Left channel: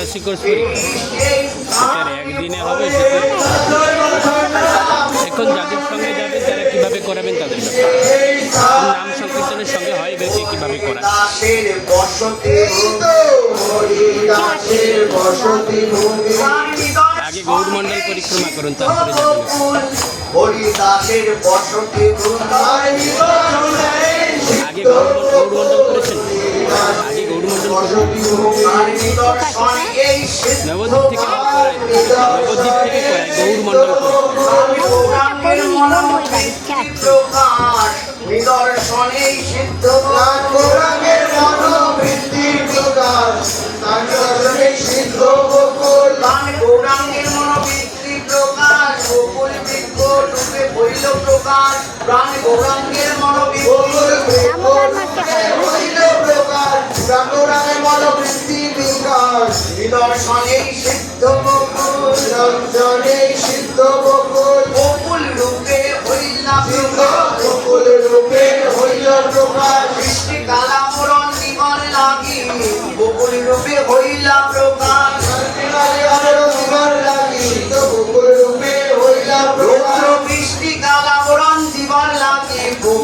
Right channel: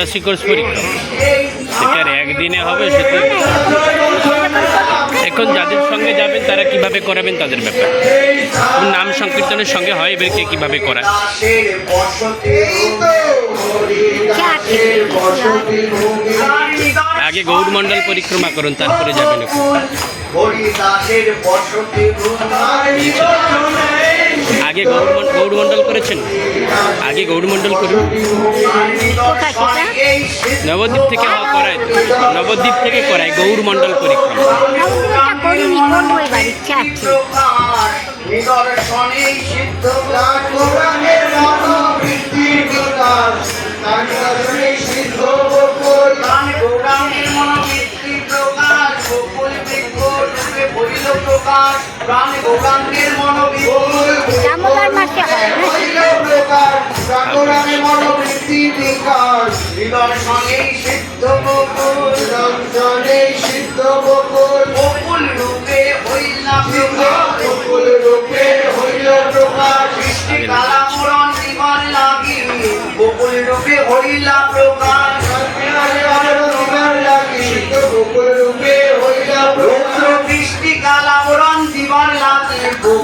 চুরাশি কোর্স পরীক্ষা সেটার একদিনে হবে সেটা এখন যাদের সঙ্গে যাবেন তারা কিভাবে করাবেন তাদের ব্যাপার। নাম সংকীর্তনের সঙ্গে হয় এবারকে কিভাবে করায়। আগে গৌরমণ্ডল পরিক্রমা করুন তারপরে যাবেন। আগে গৌরমণ্ডল করেছেন, আগে গৌরমণ্ডল করুন। নবদ্বীপ থেকে করায়, নবদ্বীপ থেকে করায় গৌরমণ্ডল পরিক্রমা। হৃদয় সঙ্গে সিদ্ধ বকুল, সিদ্ধ বকুল।